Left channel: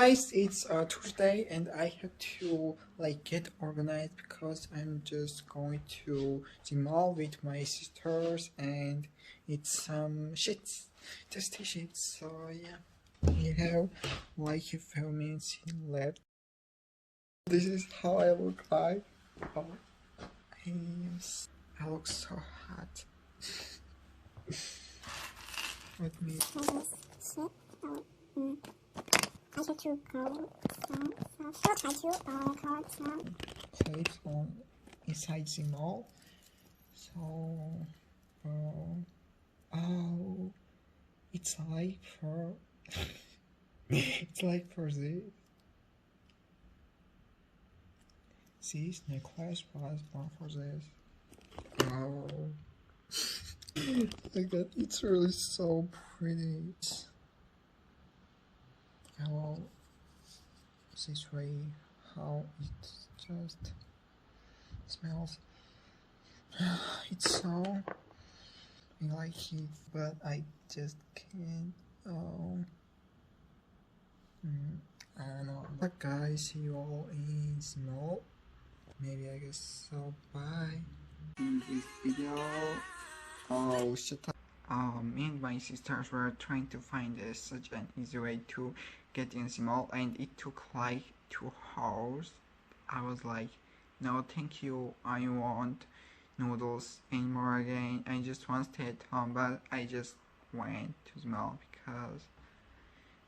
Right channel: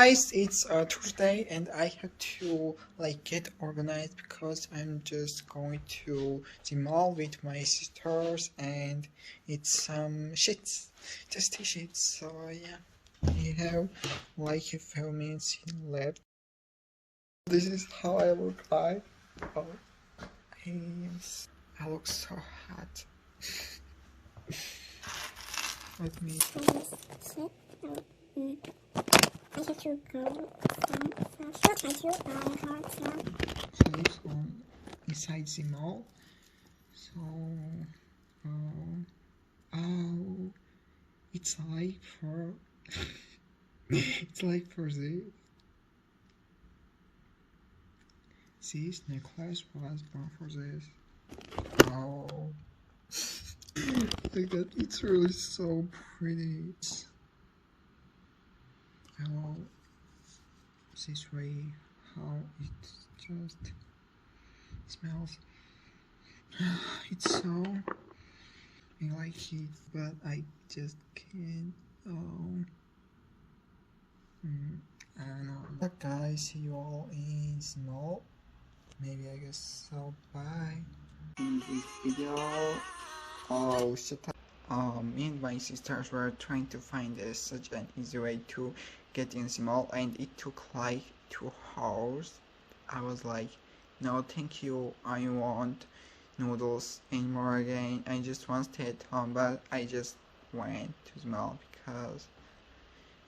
Guys, it's Tuesday and I have to like get organized because I'm just going to the mall with my sisters and it's some shits, just shits. So yeah, we have like a few minutes left. This is how I look like. Oh, I look so hot. Let me. I have to go clothes on inside the mall. So, oh, it's like for it's like for this necklace was born for this. Oh, like that. It's really so pretty. How this way, how it just smells. It's so I like it, but I just can't. Oh, I don't know. But guys, see you all in small. Maybe I guess so. Bye. In this video, oh shut up. Me and my sisters were trying to find such an easy way to get in small, and it took like 2 hours. I was like, no thank you, I want noodles anymore again. I just want to stay at home, but I just went to small because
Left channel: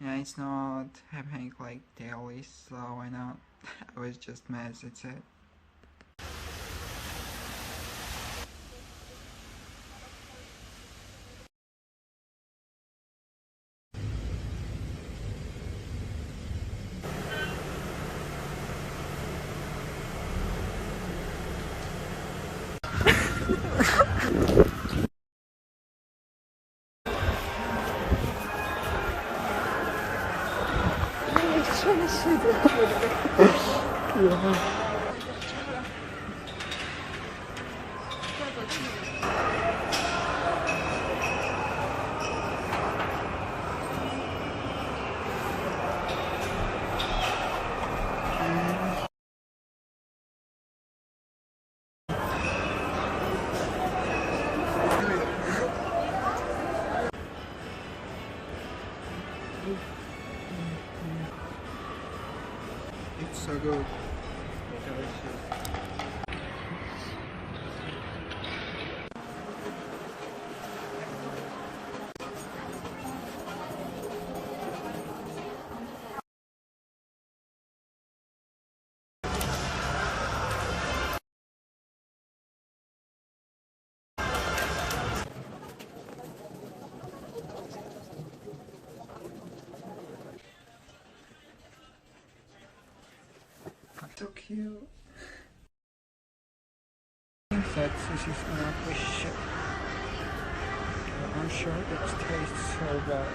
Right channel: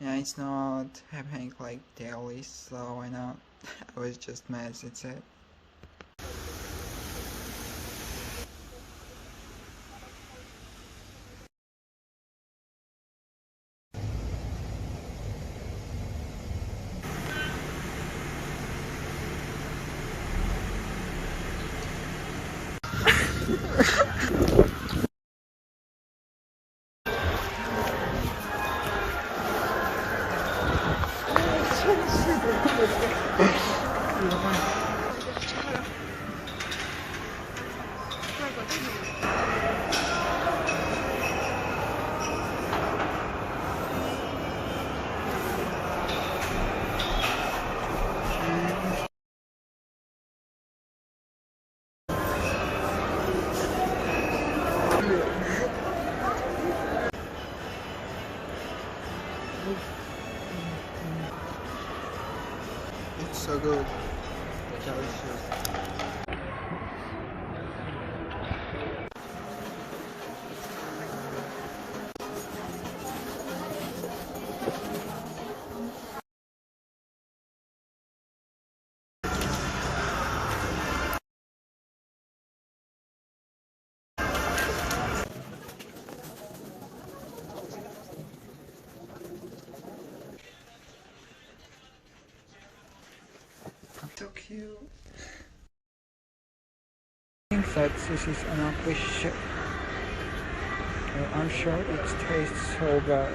yeah, it's not happening like daily, so why not? I was just mad, that's it. It's so good. Delicious. So cute. I think that this is enough fish. I'm sure it tastes so bad.